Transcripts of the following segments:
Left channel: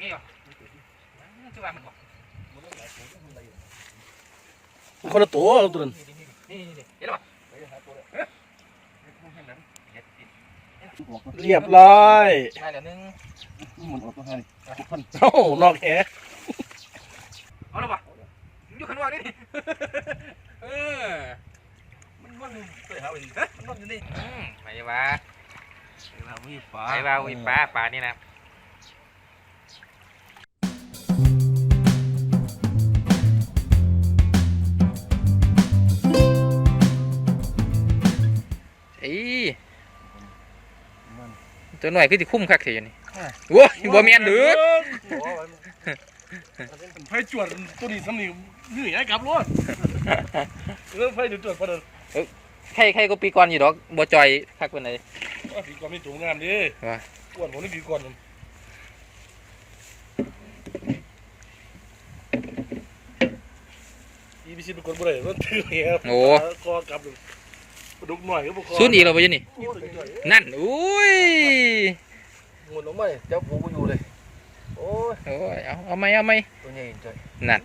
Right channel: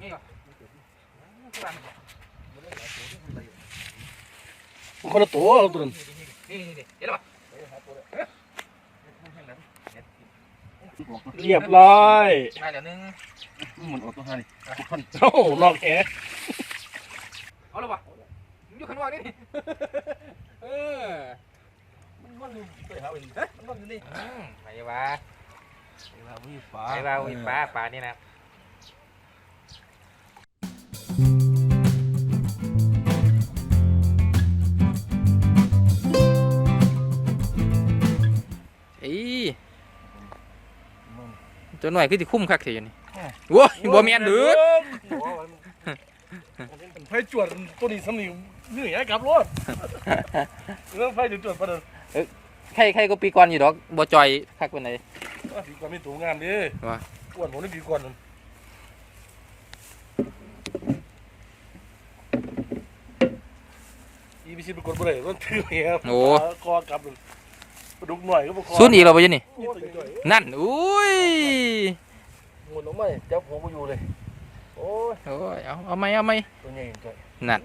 งี้ก่อนคือว่ามันบอกคนละตัวเอาตัวนั้นนี่นี่นี่เห็นป่ะเรียบร้อยมาเดี๋ยวนึงมันออกตัวห้านี่พันโอ้โหนอกแหเอาแล้วป่ะอยู่ข้างนอกนี่เออมันมันเตะหาเป็นมันมันอยู่นี่อืมไปว่าเวลาวิ่งฟ้าไปว่าอุ้ยปลาปลานี่นะ อ้ยมันตัวหน่อยคือสิคุ้มคักเสียอยู่นี่โว้ยบ่แม่นเด้อไฟจวดตัวนี้สำนีนี่ไอ้กลับรถเรื่องไฟจวดๆประเดินใครใครก็ปีก่อนอยู่ดอกบ่จอยคักเป็นไดผีก่อนไม่ถูกงามดิว่าอ้วนผมนี่ผีก่อนนั่นอีพีซีไปกดบ่ได้รถถือเนี่ยครับโอ้กอกลับเลยกระ ดุกหน่อยก็บ่คอซุนอีกแล้วบ่อยู่นี่โอ้ยจ่อยนั่น อุ้ยหมุนลงมาเจ้าผมก็อยู่เลย โอ้ย โอ้ย เอา เอาไหมเอาไหมตัวใหญ่จ่อยนั่น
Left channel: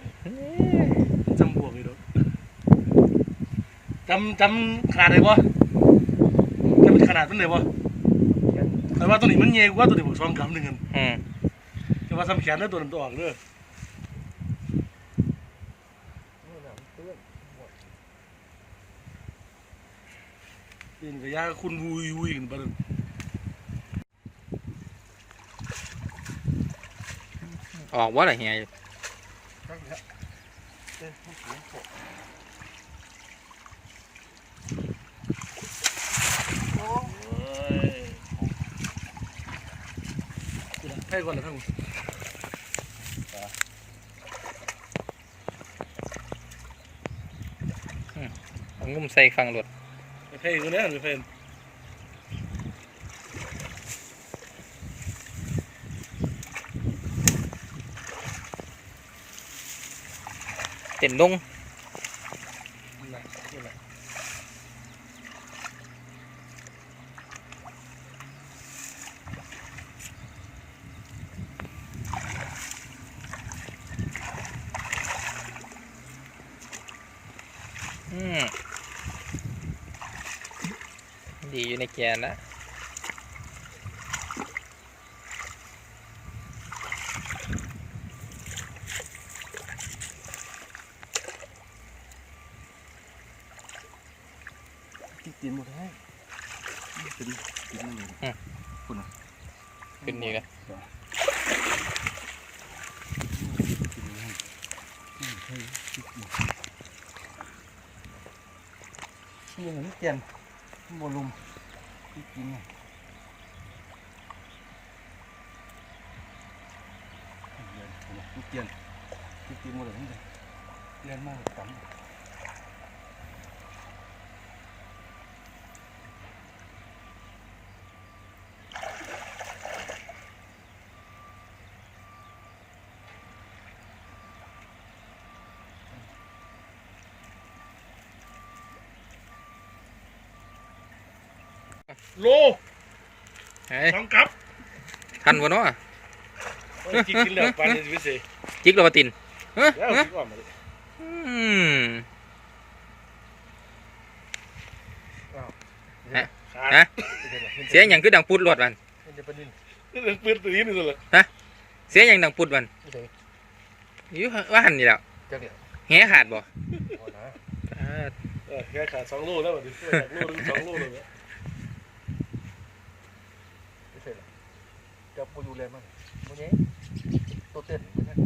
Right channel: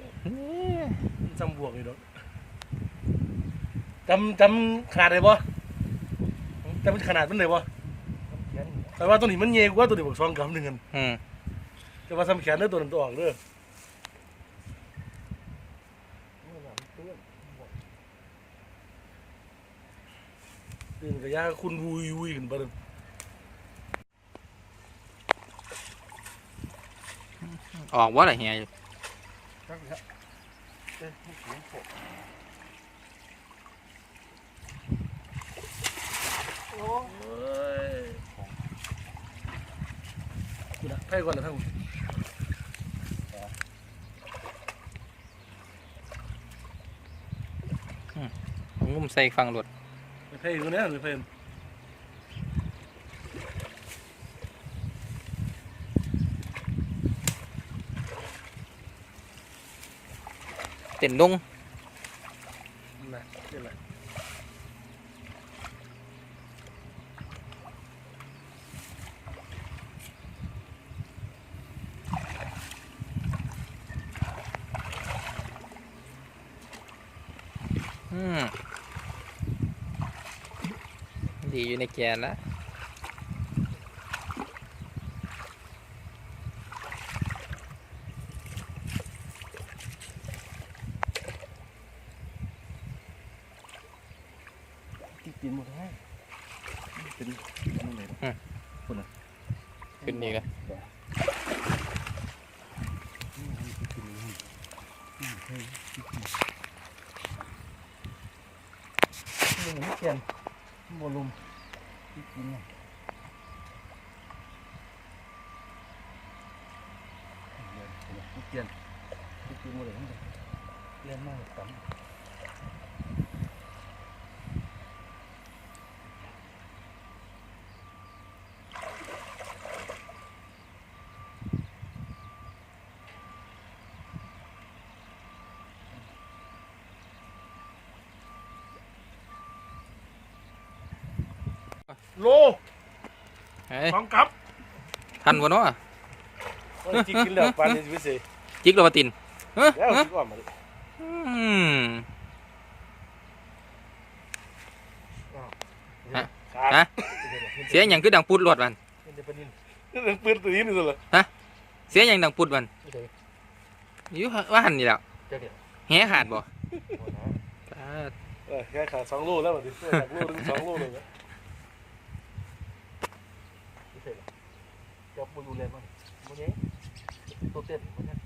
จังบวกนี่ดอกจำจำขนาดไหนบ่จำขนาดมันไหนบ่ยันแต่ว่าตัวนี้มันเยกว่าตัวนี้บอกสองกำหนึ่งกันอืมแต่ว่าสำแขนเด้อตัวนั้นตัวออกเด้อ เมื่อน้ำเตื้อน ตื่นกับยาคุณวุยวุยขึ้นประเด็นออกว่าอะไรเฮียอยู่ตั้งแล้วเอ้ยเสียงโผล่ให้ก่อนนะทั้งงุ้มใส่ฟังรถให้ก่อ นนะหรือเพื่อน เต็มดง นั่นแหละนั่นแหละ อืม ดีอยู่ในแกนนะติดตีนหมดให้เป็นนั่นเลยขึ้นดีกันยังไม่เกียนบอลลุม ติดตีนเนี่ยไม่เกียนติดตีนหมดเลยเล่นมากต่ำ โลเฮ้ยสองกับทันวะเนาะกินกินแล้วปานนี้วิเศษจิกโรบตินเฮ้ยแล้วเฮ้ยคิดว่ามันอืมขาดฮะเสียงอย่างคือดังปุดรถมันมันจะเป็นดินเรื่องปืนตัวนี้นี่สุดเลยเสียงอย่างดังปุดมันไม่ใช่อยู่ว่าหันนี่แหล้วเจ้าเนี่ยแหขาดบ่โอ้นะอ่าเออแค่ขาดสองโลแล้วแบบนี้โลนึงสองโลเลยเนี่ย ไม่ใช่หรอ เจ้าปูอยู่เลยมั้งโมเน่ตัวเต้นมันนั่น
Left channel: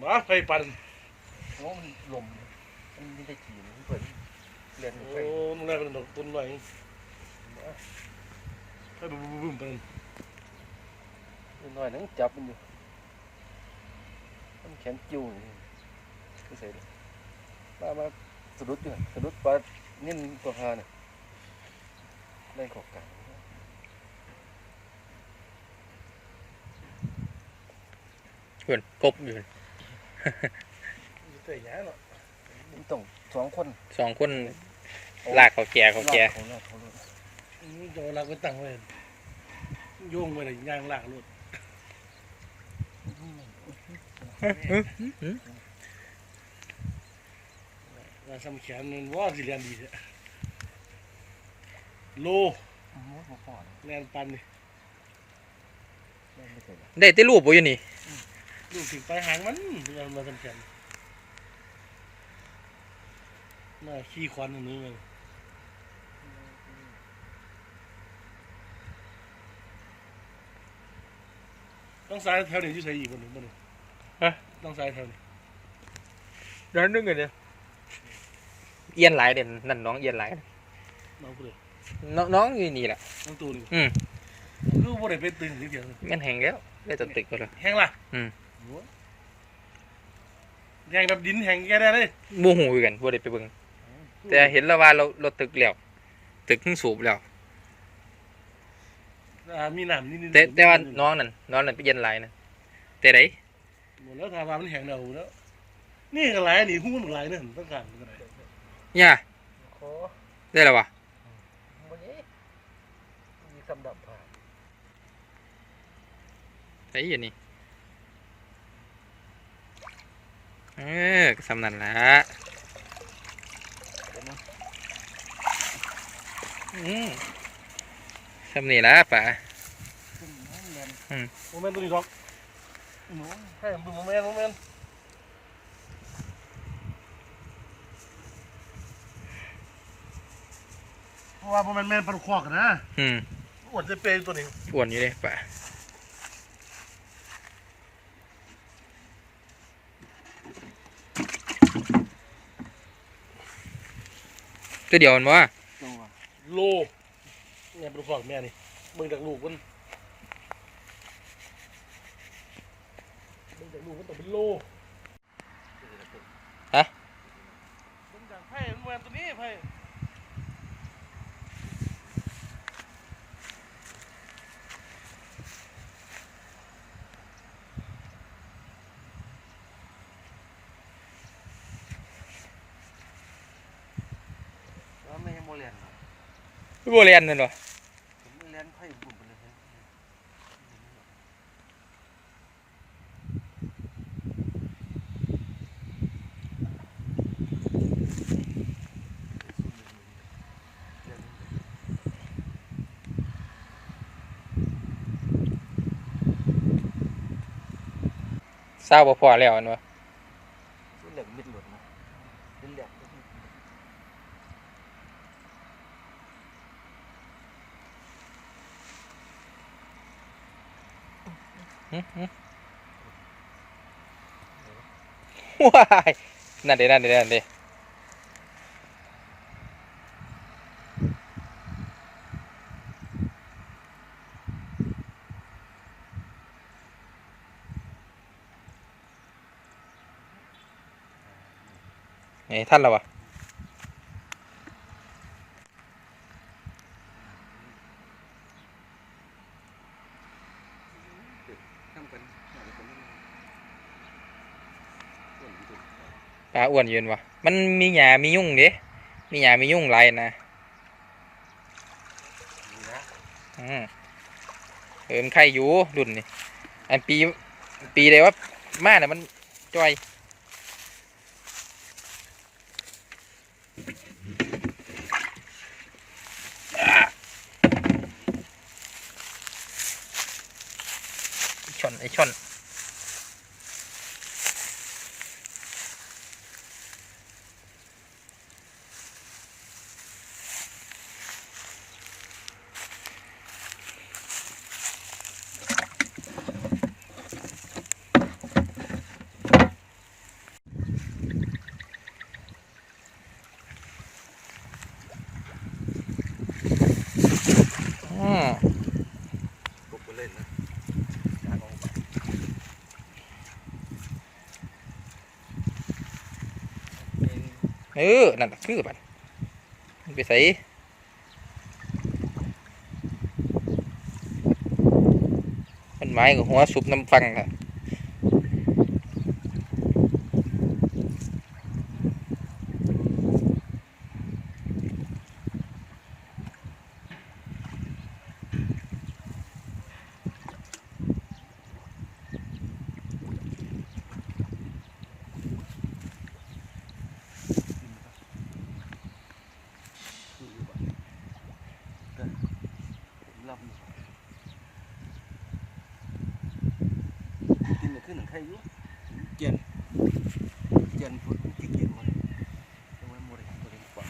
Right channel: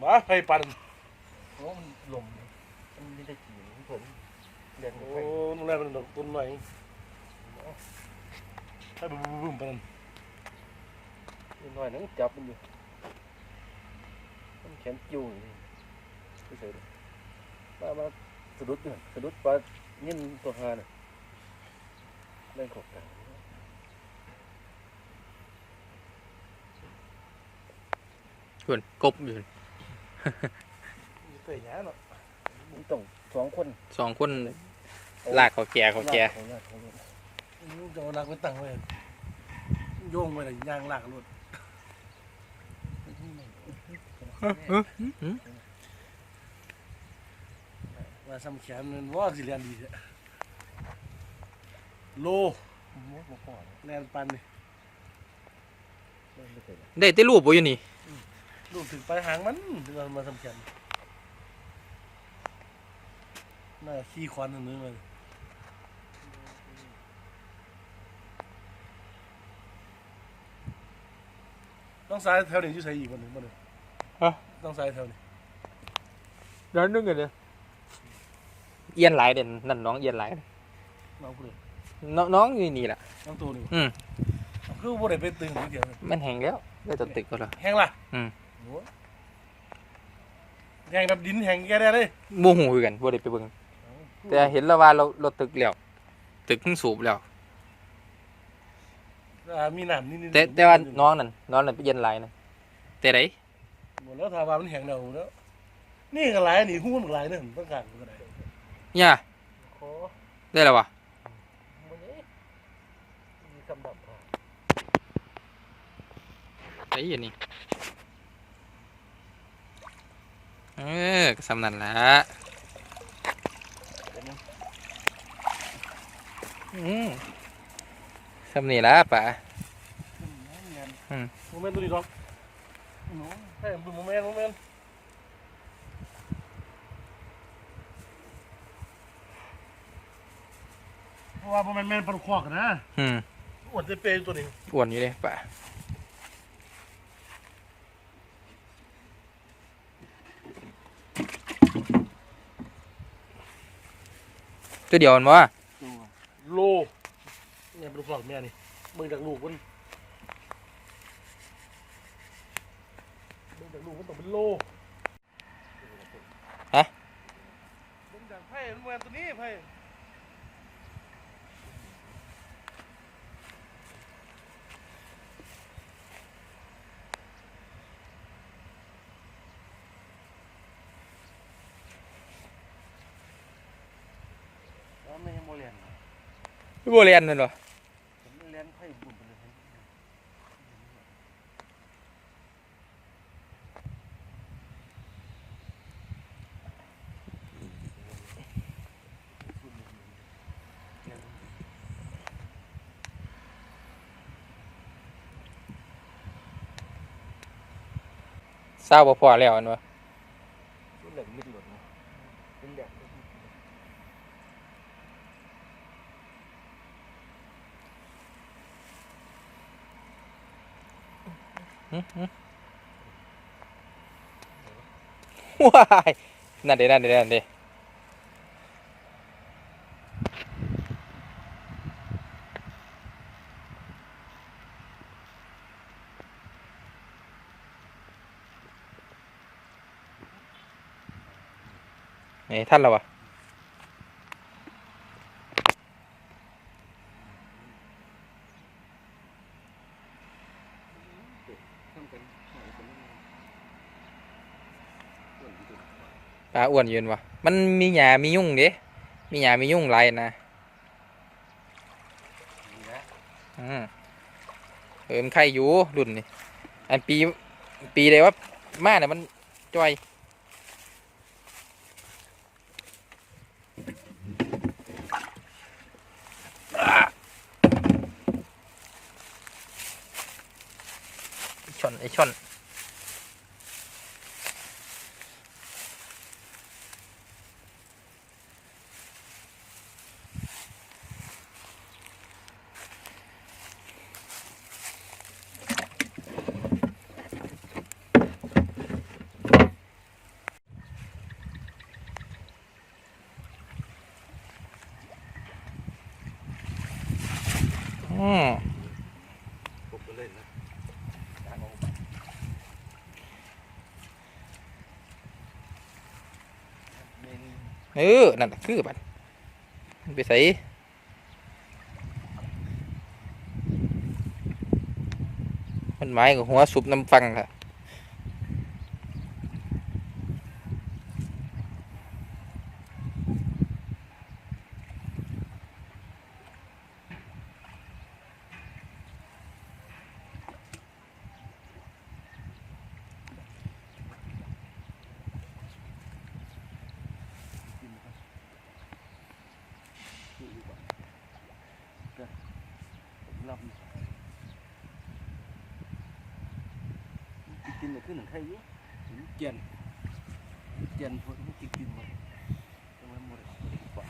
มาไฟปั่นเพราะมันลมมันมีแต่ขี่มันเพิ่นเรียนโอ้ไปนุ่นแรกเป็นดอกต้นใหม่ถ้าบุ้มบุ้มปั่นหน่อยนึงจับมันอยู่มันแขนจิ้วนี่ไม่ใช่เลยมามาสะดุดอยู่สะดุดปลานิ่นตัวหาน่ะเล่นขอบกลาง เพื่อนกบอยู่เตะหยาเนาะมันต้องสองคนสองคนลากเขาแก่เขาแก่ของลากเขาเลยจะเอาลากไปตั้งไว้โยงไปเลยยางลากรถว่าสำแขนนั่นว่าสิเรียนดีเถอะโลมดบ่พอนะแลนปันนี่แม่นไม่เคยเลยได้แต่รูปบ่อยู่นี่ ลูกถึงปลายหางมันเรามาสำแขนน่าขี้ควันอันนี้มันต้องสายแถวนี้ที่ใส่อีกคนหนึ่งมันต้องสายแถวนี้ร้านนึงกันเนี่ยเอียนหลายเด่นนั่นน้องเอียนหลายน้องกูเลยน้องน้องอยู่นี่แหละน้องตัวนี้อืม คือบ่ได้เป็นตึงหรือเกี่ยวมันแห้งแล้วได้แตัตึกก็แล้วแห้งล่ะอืมโอ้ แห้งแบบดินแห้งแก่ได้เลยบ่ฮู้คือกันบ่ได้ไปเบิ่งแต่เห็นแล้วว่าเราเราตึกแล้วตึกเพิ่งสูบแล้ว อ่ามีน้ำนิดๆแต่แต่ว่าน้องนั่นน้องนั่นไปเอียนหลายนะแต่ไดหมดแล้วทาว่ามันแห้งแล้วแล้ว นี่ก็หลายนี่หุ้นหลายเด้อต้องการก็ได้ย่าขอได้แล้ววะบ่นี้มีคำดับผ่านไอ้เหี้ยนี่ เออก็สำนันละอืมสำนี่ละป่ะอืมโมเมนต์ตัวนี้ดอกให้ผมดูโมเมนต์โมเมนต์เพราะว่าโมเมนต์แม่นปลาคอกนะอืมอ้วนจะเปย์ตัวนี้อ้วนอยู่เลยป่ะ ตัวเดียวมันวะโลเนี่ยปลาคอกแม่นี่มึงจากลูกมันมึงจากลูกมันต้องเป็นโลมึงจากไพ่มึงแม่นตัวนี้ไพ่ แล้วไม่ให้โมเรียนนะบัวเรียนนั่นเหรอผมเรียนไพ่บุ่มไปเลยเห็นเศร้าบ่พอแล้วอันวะ รุ่นเหล็กมิดหลุดนะเป็นเหล็ก ว้ายนั่นเด้นั่นเด้นั่นเด้ไอ้ท่านเราอะ ทำกันหน่อยคนนี้ส่วนที่สุด ปลาอ้วนยืนวะมันมีหญ้ามียุ่งเด้มีหญ้ามียุ่งหลายนะนี่นะอืมเออมันไข่อยู่รุ่นนี่อันปี ปีใดว่ามาเนี่ยมันจ้อยไอ้ช่อนไอช่อนอืม ปุ๊บก็เล่นนะ เออ นั่นคือบัดไปใส่มันไม้กับหัวสุบน้ำฟังค่ะ ใครอยู่เจียนเจียนพุทธติกินหมดยังไม่หมดเลยตัวเล็กกว่า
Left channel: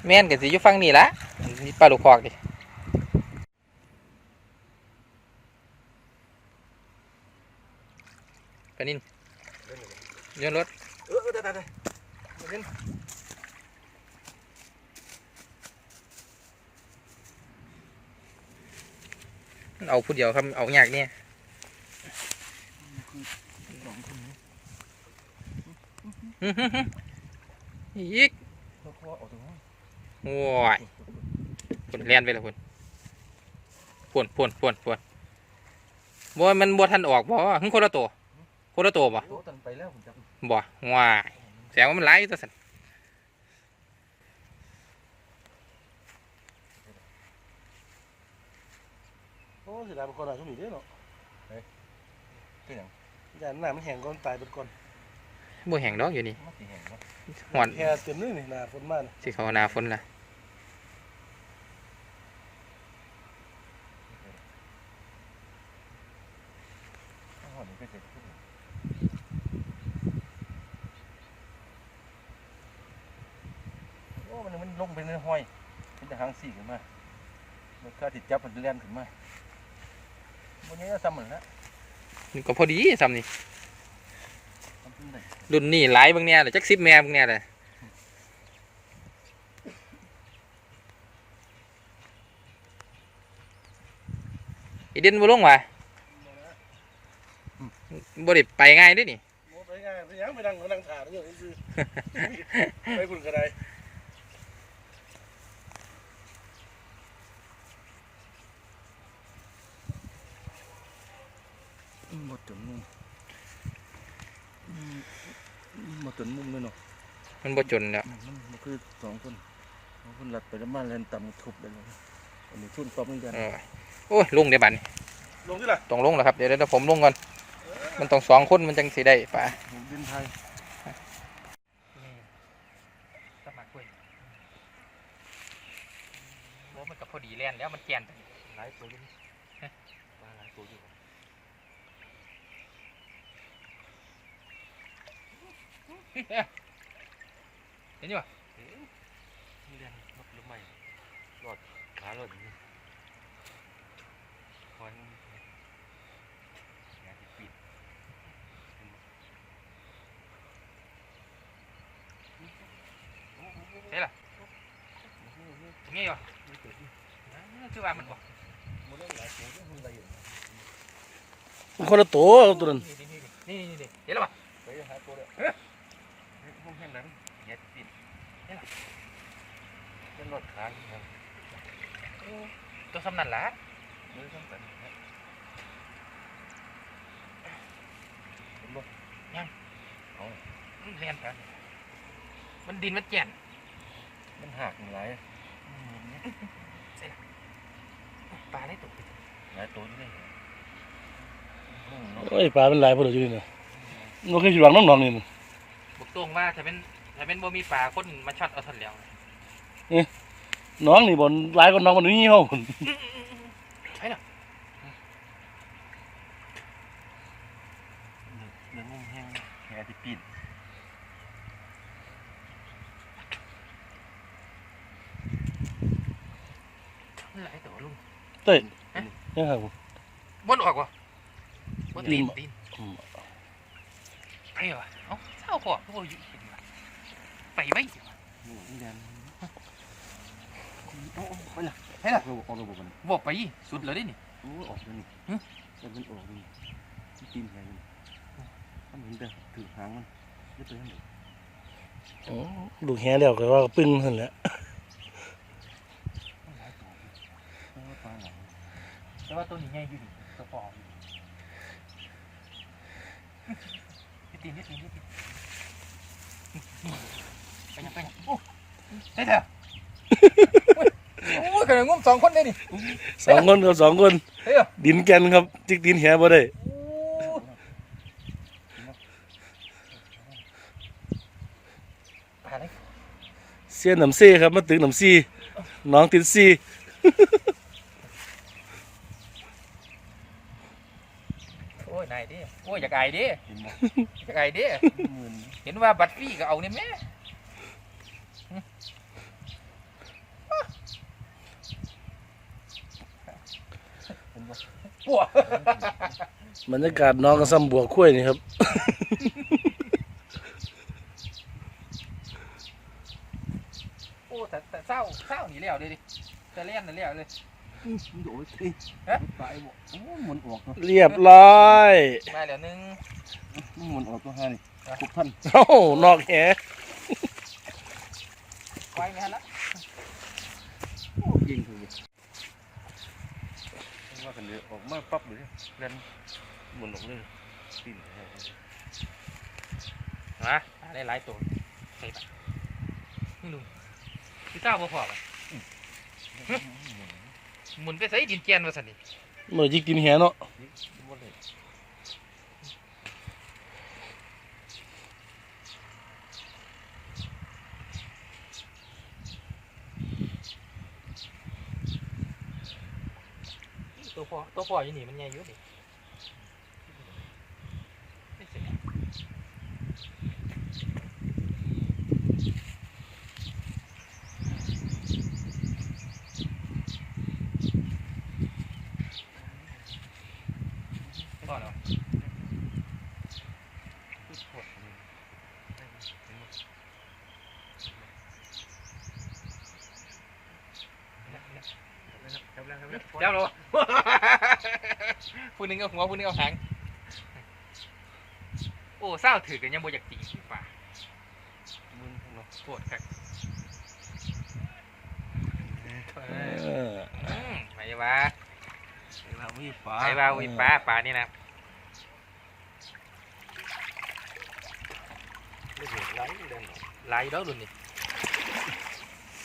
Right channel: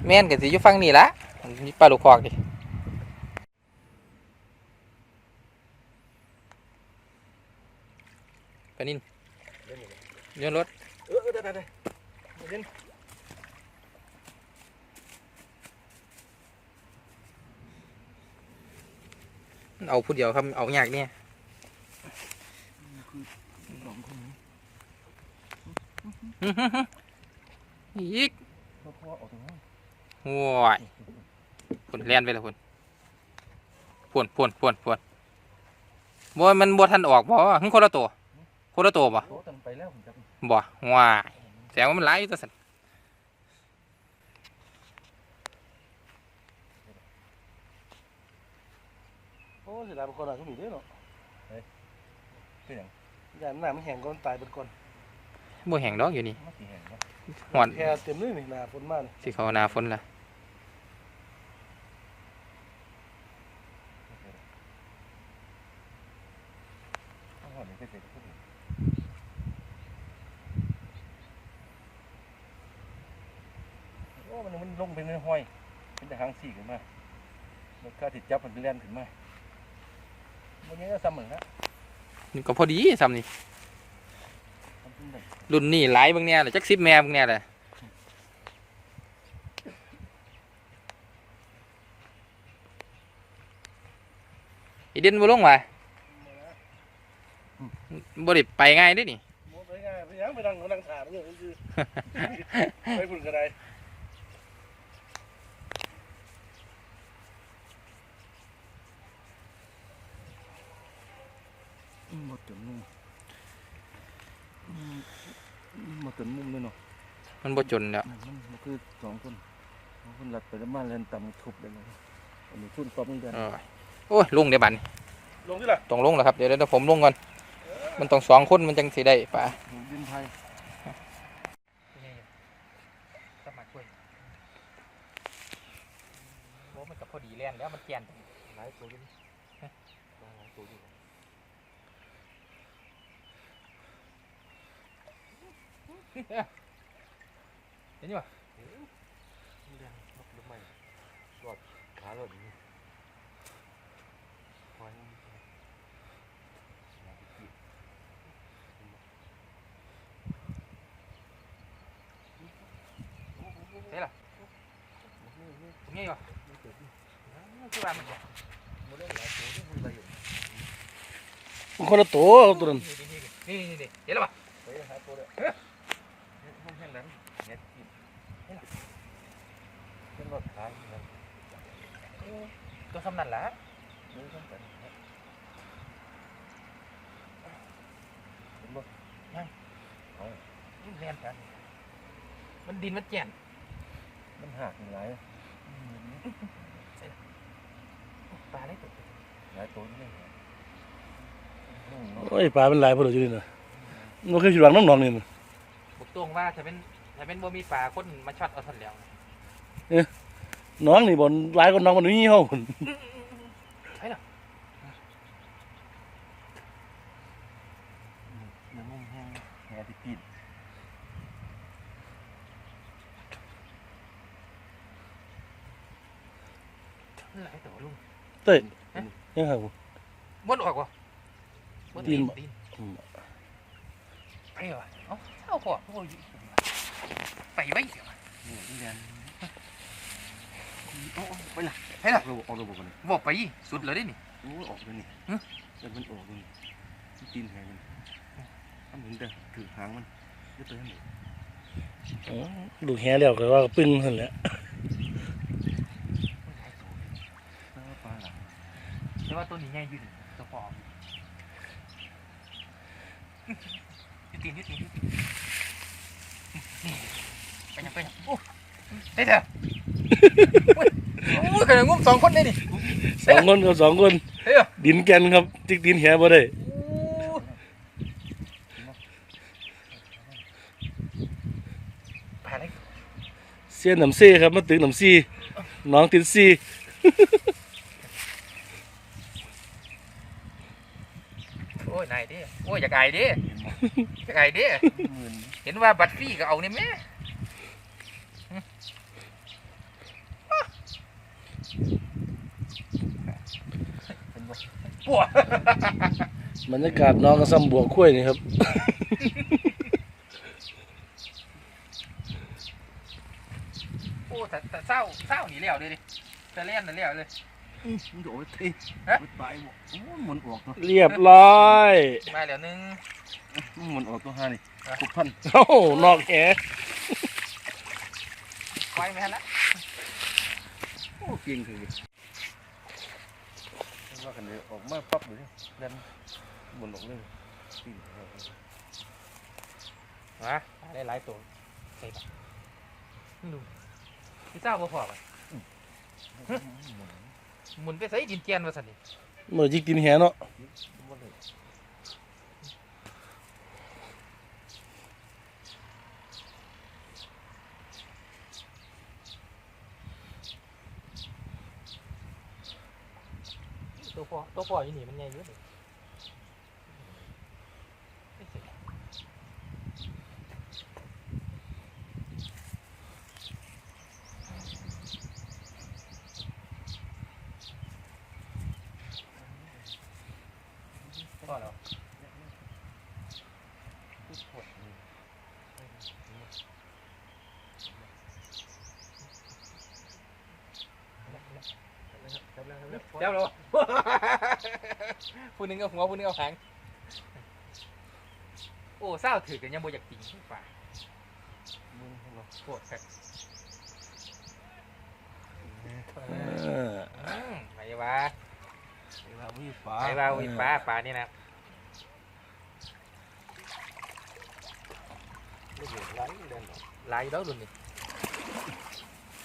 แม่นก็สิอยู่ฝั่งนี้ละมีปลาลูกคอกดิปลานินเรือรถเออได้ได้ได้เล่นมันเอาผู้เดียวครับเอายากเนี่ยสองคนนี้อีกเขาอออกตรงห้ โว้ยผลเลียนไปแล้วผลพวนพวนพวนพวนบ่มันบ่ทันออกบ่หึคนละตัวคนละตัวบ่โตตันไปแล้วผมจับบ่ว้ายแสดงว่ามันหลายอยู่ตัวสันโอ้สิดาเป็นคนอะไรก็มีด้วยเนาะเป็นอย่างยานหน้ามันแห้งก่อนตายเป็นก่อน บ่แห้งดอกอยู่นี่มันสีแห้งเนาะหอนแค่เต็มเลยนี่หน้าฝนมานี่สิเขาหนาฝนละถ้าหอนนี่ก็เจ็บขึ้นโอ้มันมันลงไปในห้อย เป็นแต่หางสี่ขึ้นมามันก็ติดจับมันเล่นขึ้นมาวันนี้ก็ซ้ำเหมือนแล้วนี่ก็พอดีซ้ำนี่ทำขึ้นได้ รุ่นนี้หลายเบางเนี่ยเลยจักสิบแม่เบางเนี่ยเลยอีเด่นบ่ลงว่ะบ่ได้ไปง่ายเด้วยนี่โมไปง่ายไปยังไปนั่งไปนั่งถ่ายด้วยคือไปพุ่นก็ได้หมดจนมุมห มดจนมุมเลยเนาะมันบ่จนแล้วมันมันคือสองคนสองคนหลัดไปแล้วมาเล่นต่ำทุบเลยเลยอันนี้ทุนตบเหมือนกันเออโอ้ยลงเดี๋ยวบัดนี้ลงที่ละต้องลงแล้วครับเดี๋ยวเดี๋ยวผมลงก่อนมันต้องสองคนมันจังสิได้ป่ะดินไทยสมัครด้วยโอ้มันก็พอดีแล่นแล้วมันแก่นหลายตัวอยู่นี่มาหลายตัวอยู่ เห็นอยู่ป่ะเรียนนกหรือไม่รอดขาหลอดอย่างนี้คอยมันงานที่ปิดเห็นล่ะตรงนี้อยู่คือว่ามันบ่มันเล่นหลายตัวที่มันละเอียดคนละตัวตัวนั้นนี่นี่นี่นี่เห็นแล้วป่ะไปหาตัวเลยห้อง แห้งนั้นงานที่ปิดนี่ล่ะเป็นรอดขาอย่างนั้นตัวสำนันละไม่ต้องกันนะเห็นบ่เรียนกันมันดินมันแก่นมันหักหลายปลาได้ตัวหลายตัวนี่เลยอืมเนาะโอ้ยปลาเป็นหลายพุ่นอยู่นี่นะมันเคยอยู่หลังน้ำหนองนี่นะบอก ตรงว่าถ้าเป็นถ้าเป็นบ่มีปลาคนมาช็อตเอาทันแล้วน้องนี่บนหลายคนน้องมันนี่เฮาพุ่นเนื้อนุ่มแห้งแหงที่ปิดหลายตัวลุงเต้ยยังครับผมบนออกวะบนตีนตีนบ่ตีนอืมไปวะ เอาเศร้าพอพวกอยู่เห็นวะไปไว้เดี๋ยววะนี่เรียนโอ้ไปละให้ล่ะออกออกระบบกันบอกไปสุดเลยดินี่โอ้ออกเลยนี่ฮะแต่มันออกเลยนี่ตีนแหงมันทำเห็นแต่ถือหางมันเยอะไปทั้งหมดอ๋อลูกแห่แล้วก็ว่าปึ้งหั่นและหลายตัวแต่ว่าตัวนี้ใหญ่อยู่นี่ตัวปลอม ตีนยึดตีนยึดตีนนี่ไปยังไปยังโอ้ได้เถอะโอ้ยขนาดงุ้มสองคนได้นี่สองคนกับสองคน เฮ้ยดินแกนครับ จิกดินแหบ่ได้โอ้ปลาอะไรเสียนน้ำซี่ครับมาตึกน้ำซี่น้องติดซี่ โอ้ย นายดิโอ้ยอยากไอ้ดิเห็นบ่อยากไอ้ดิหมื่นเห็นว่าบัตรฟรีก็เอาเนี่ยแม่เห็นบ่ปวดบรรยากาศน้องก็ซ้ำบวกคุ้ยนี่ครับโอ้แต่แต่เศร้าเศร้าหนีแล้วเลยดิจะเล่นน่ะแล้วเลยมัน โดดเฮ้ยฮะไปบ่โอ้ยหมุนออกตัวเรียบร้อยมาแล้วหนึงมันหมุนออกตัวห้านี่อะคุกพันเอ้านอกแหไว้ไม่ทันละโอ้เก่งคือว่ากันเดี๋ยวออกมาปั๊บเลยเล่นหมุนออกเลยปีนมาอะไรหลายตัวใส่ไปนี่ลุงพี่เจ้าบ่พอป่ะ หมุนไปใส่ดินเจียนมาสันนี่เมื่อจิกดินแหเนาะบ่เลยตัวพอตัวพออยู่นี่มันใหญ่อยู่ดิไม่เสียพอแล้ว เจ้าเรา ผู้หนึงเอาหัวผู้หนึงเอาหางโอ้เศร้าถือกันยังบ่อยากตีป่ามึงเนาะปวดครับเอออืมไม่ว่าเวลาวิ่งฟ้าไม่ว่าอุ้ยปลาปลานี่นะไม่เห็นไหลเล่นออกลายแล้วดุนนี่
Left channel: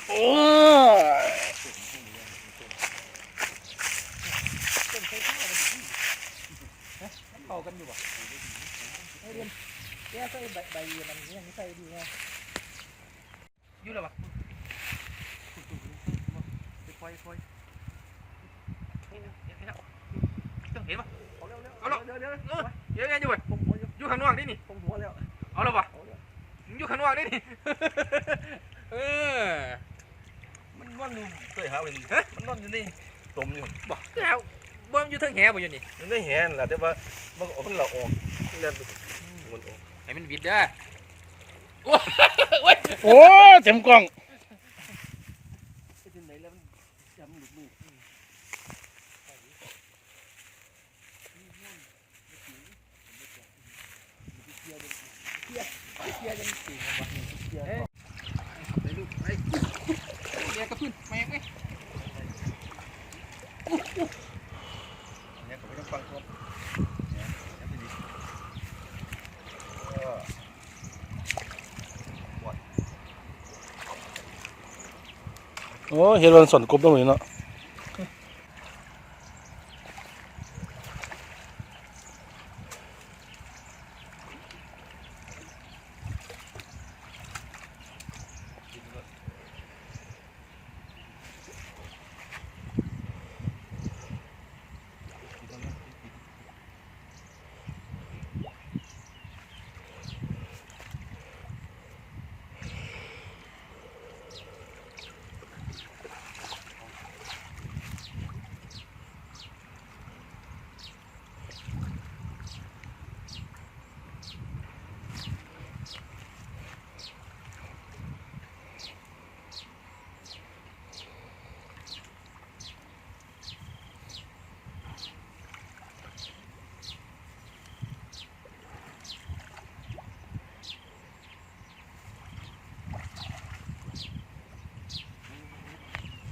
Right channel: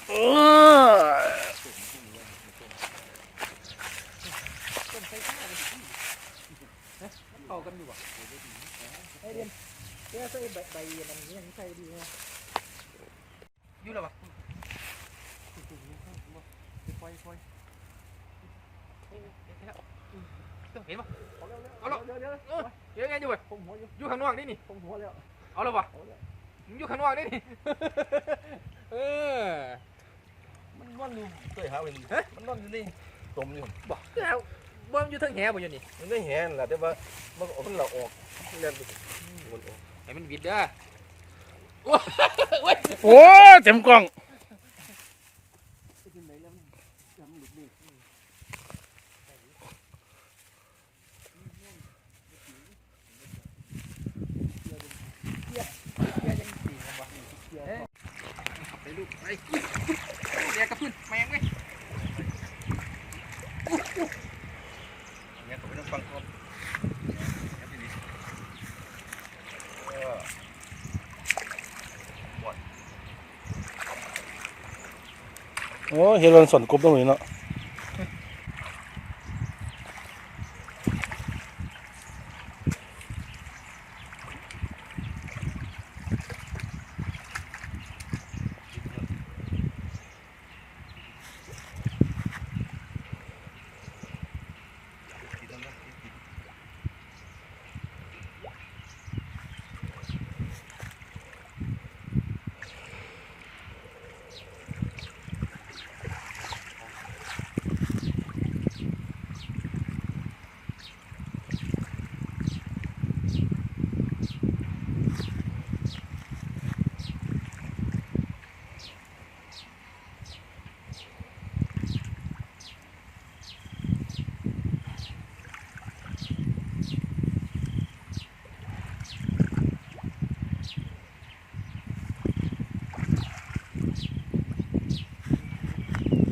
โอ้ย เอากันดีกว่าอยู่แล้วปะ ค่อยค่อย เห็นแล้วเห็นปะเอาเร็วเร็วเอาแล้วเดี๋ยวเดี๋ยวเออเดี๋ยวไงอยู่เว้ยผมหัวอยู่อยู่ข้างนอกนี่นี่ผมหัวแล้วเอาแล้วปะเอาแล้วมึงอยู่ข้างนอกนี่นี่เออมันนอนอยู่เคยหาเป็นฮะมันนอนอยู่นี่ตมอยู่บอกแล้วบ่มันอยู่เทั้งแหบ่อยู่นี่มันได้แหนแหละแต่ว่ามันออกมันละออกเล่นมันออกให้มันวิดเด้อโอ้ยโอ้เต็มกล้อง ไปที่ไหนแล้วมันจำหลุดนี่ ไปลูกไปเดี๋ยวกระพื้นแมงไง เนี่ยก็ไม่ต้องฟังก่อนเนี่ยไปดิเออ โอ้เห็นวันสนกบตรงนี้เนาะ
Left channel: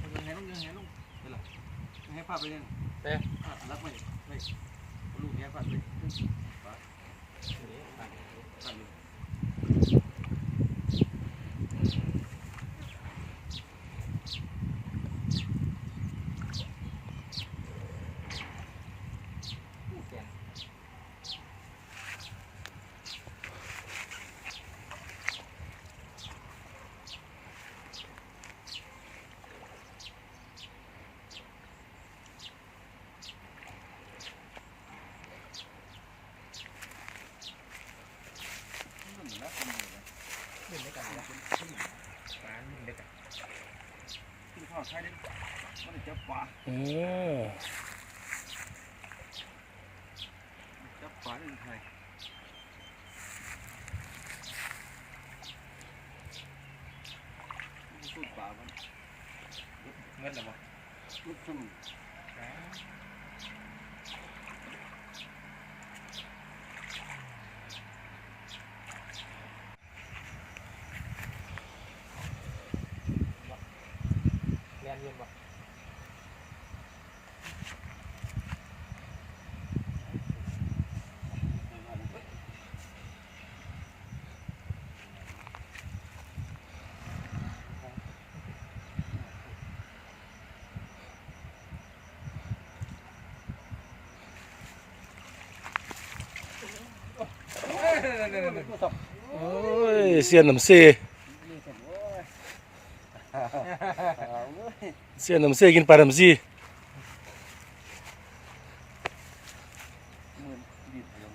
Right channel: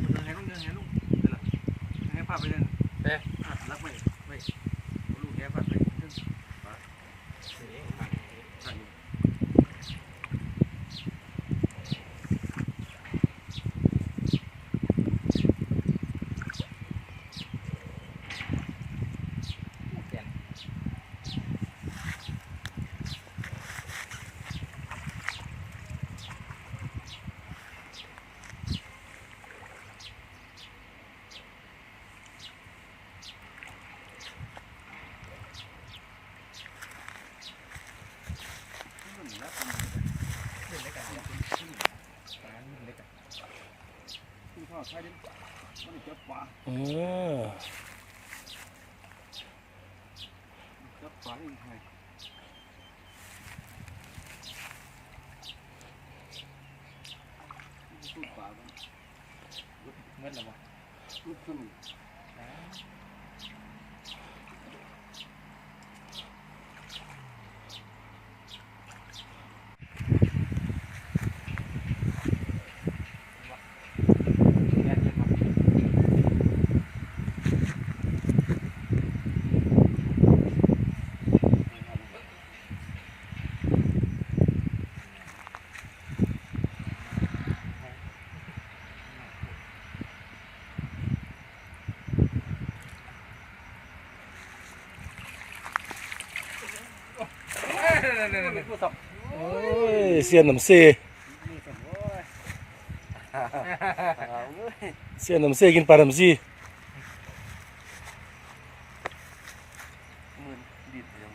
มันยังไงต้องยังไงลูกเดี๋ยวล่ะยังไงพาไปเล่นเอ๊ะอะรักไปไปลูกแกพาไปขึ้นฟ้าสั่นอยู่ อดใช่ดิมันจับปลาอ๋อจับปลาได้ไงสู้ปลามันเงินหรือเปล่าลุกขึ้น โอ้ยเสียนน้ำเซเสียนน้ำเซกินปลาน้ำซีมือดีดเดียว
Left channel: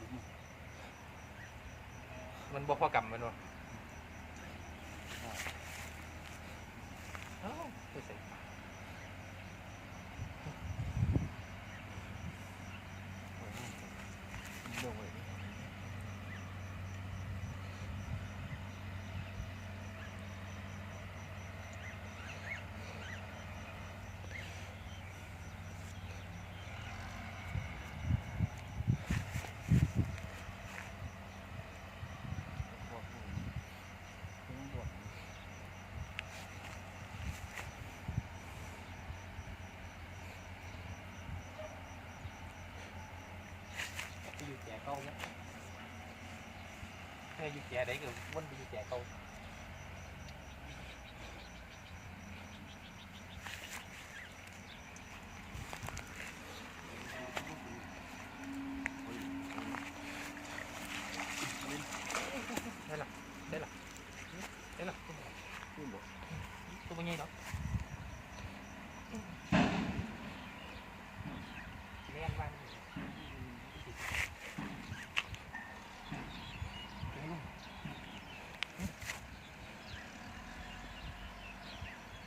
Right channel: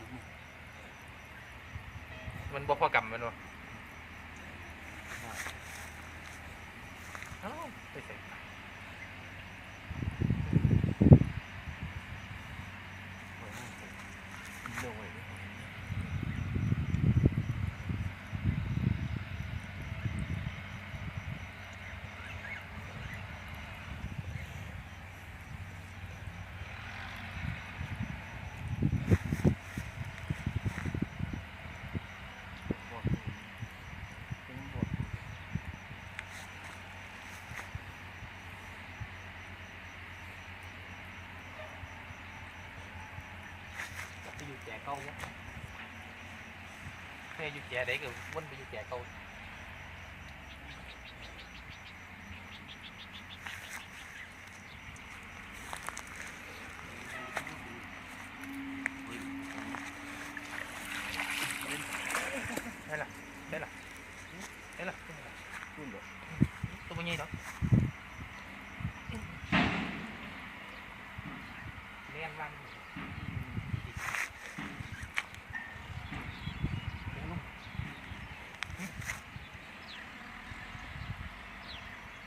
มันบ่พอกำมันวะเอ้าไปใส่ ไปอยู่แก่เก่าเนี่ยแม่อยู่แก่ได้ก็วนไปอยู่แก่เก่า ได้ละได้ละได้ละตัวมันตัวมันใหญ่ดอกเลี้ยงบ้าน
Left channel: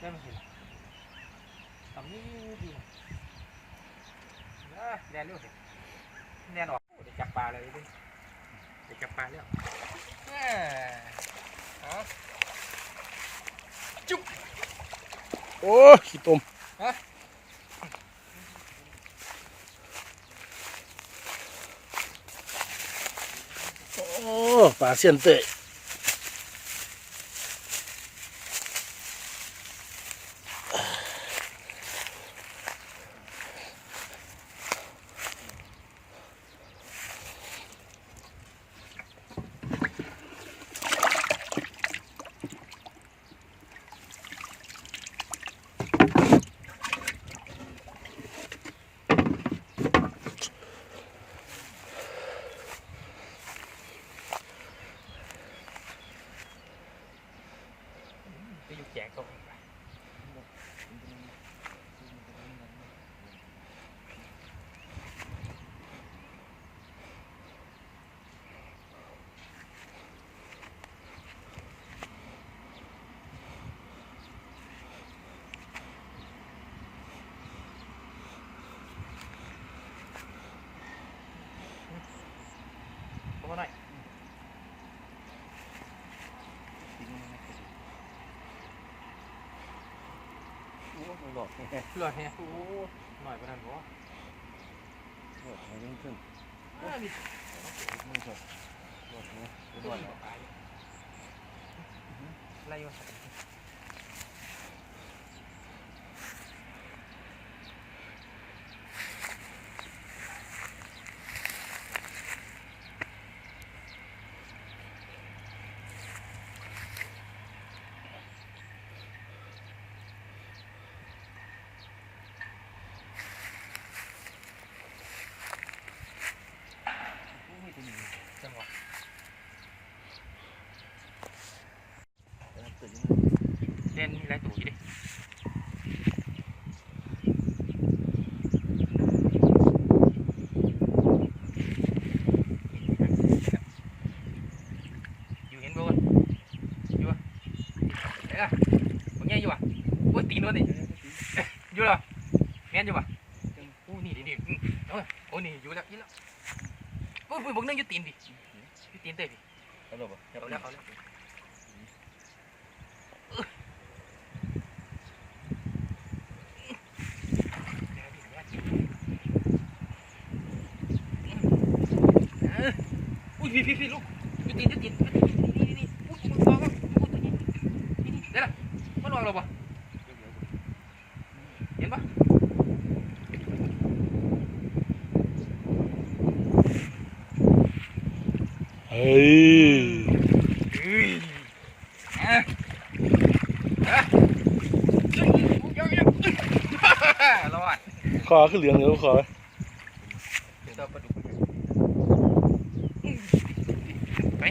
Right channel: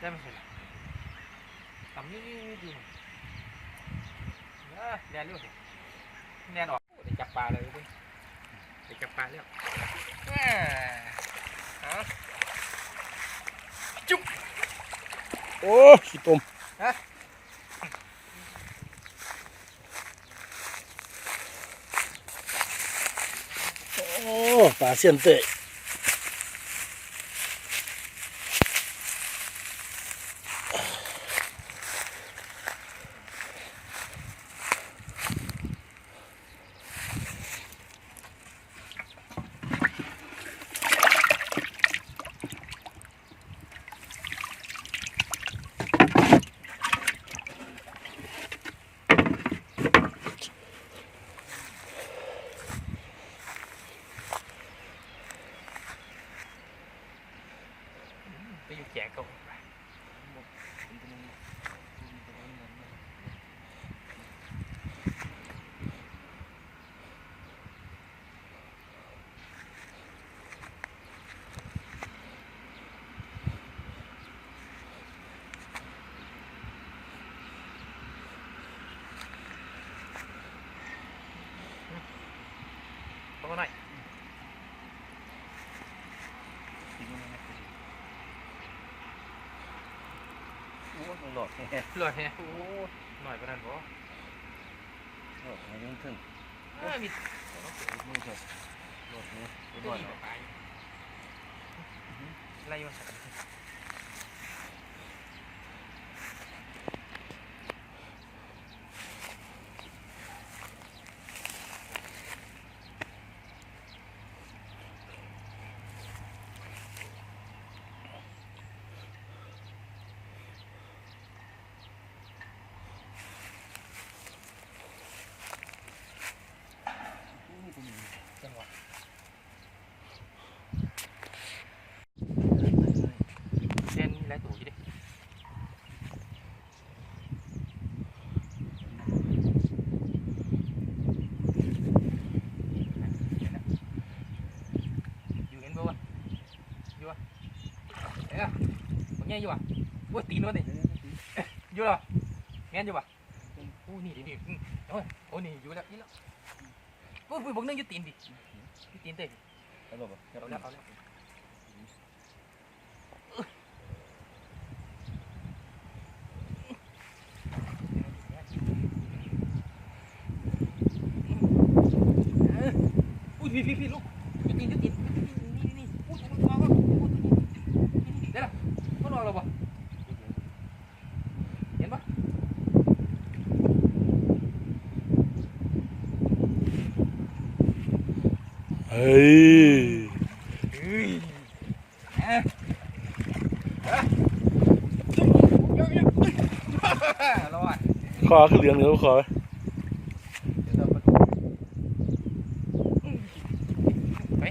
ได้ไหมเห็นต่ำนี่ดูนะแดนเร็วสิแดนออกเดี๋ยวจับปลาเลยดิเดี๋ยวจับปลาแล้วโอ้ขี้ตมฮะโอ้ปลาเสียนเตย ไปอยู่แก่เก่าอีกว่ะ ตัวหน่อยโอ้หลอดแฮ่ลอยแฮะโอ้หน่อยปานนั้นบ่หลอดแฮ่ยังขึ้นเอ้ยมีมือเถอะหลอดแฮ่ตัวนี้ปลาอยู่ไล่มาส่จังหวะ เส้นมีหลายตัวอยู่ดิอยู่เห็นบ่วะอยู่วะเอ้ยบางแง่อยู่วะโอ้ยตีนวะนี่อยู่เหรอแม่นอยู่ปะโอ้นี่ดิดิอืมโอ้ยโอ้นี่อยู่แล้วอีแล้วโอ้ยบอกนึงอยู่ตีนดิอยู่ตีนเต้ดิเอาลงบ่เอาแล้วเอาแล้วอุ้ยพี่พี่พี่ลูกอยู่ตีนอยู่ตีนนี่นี่นี่อุ้ยมันฟองอะอุ้ยตัวนี้นี่นี่เดี๋ยวละมันวางเราปะเห็นปะ เฮ้ยเฮ้ยอะอะเอะเยอะเฮ้ยรอดคอขึ้นเหลืองเดี๋ยวคอไป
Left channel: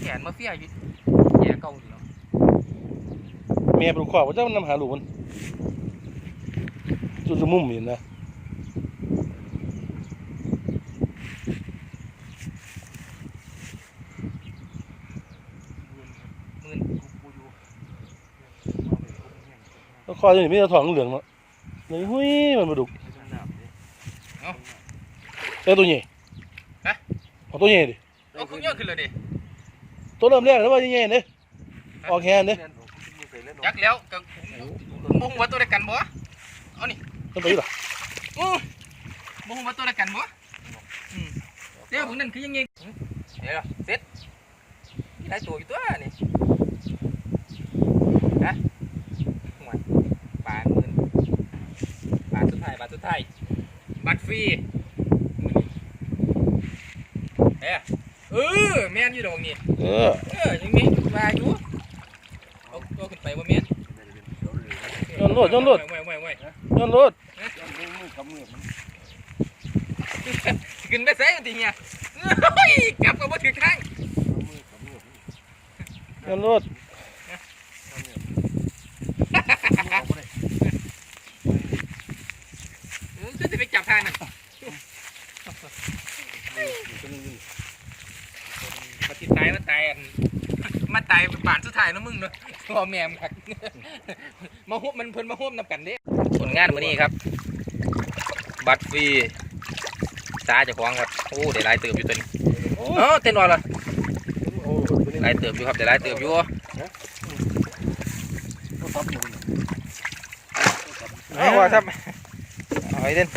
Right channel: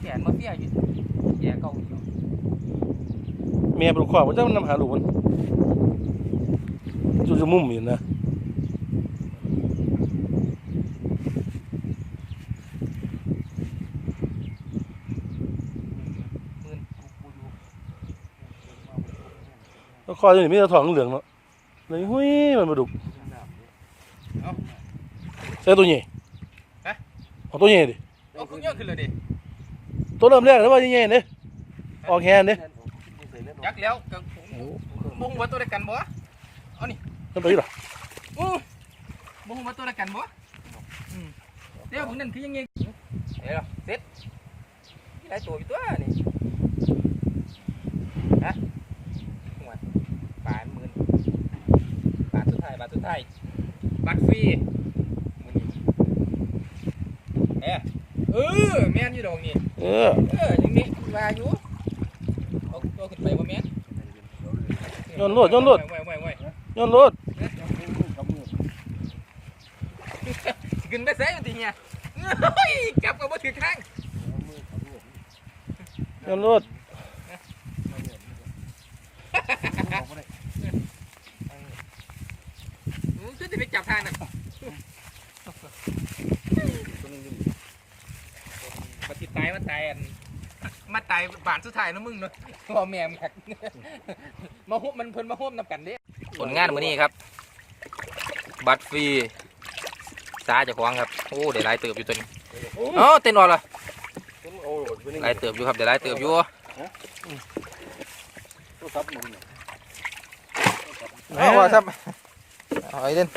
แขนมาเฟียอยู่แย่เก่าอยู่เมียเป็นขวาว่าเจ้านำหาหลูกมันจุดจมุ่มอยู่นะ มื่นกูอยู่ แล้วคอจะมีแต่ทองเหลืองเนาะเลยหุ้ยมันมาดุกเอ้ตัวใหญ่เอาตัวใหญ่ดิเอาคุณย่อขึ้นเลยดิตัวเริ่มแรกแล้วว่าใหญ่ๆเด้ออกแฮนเด้ยักแล้วกับบุ้งว่าตัวเดียวกันบ่ต้องไปดิล่ะบุ้งว่าตัวเดียวกันบ่อืมเดี๋ยวพวกนั้นคือยังไงเดี๋ยวเสร็จนี่ได้ตัวอยู่ตัวนี่นะห่วย บาทหมื่นบาทสุดท้ายบาทสุดท้ายบัตรฟรีเอ้ยเออแม่นอยู่ดอกนี่เออเออยังมีมาอยู่เอาตัวขึ้นไปว่าแม่นย้อนรถย้อนรถไว้ไว้ไว้ย้อนรถขึ้นไปใส่ทีเนี้ยเฮ้ยจับกับว่าถือข้างย้อนรถ โอ้ยจะไปจับทางนั่นมาติดตายมาตายอันมาตายบานสุดท้ายนะมึงเนาะพ่อแม่มครับมาหุบมันเพิ่นมาหุบนำกันเด้ผลงานมื้อนี้ครับ บัตรฟรีตาเจ้าของครับโอ้ได้หลายเติบอยู่ตัวนี้อ๋อเต้นออกเลยหลายเติบอยู่ครับได้หลายเติบอยู่ อ๋อว่าครับเอาไอ้เด่น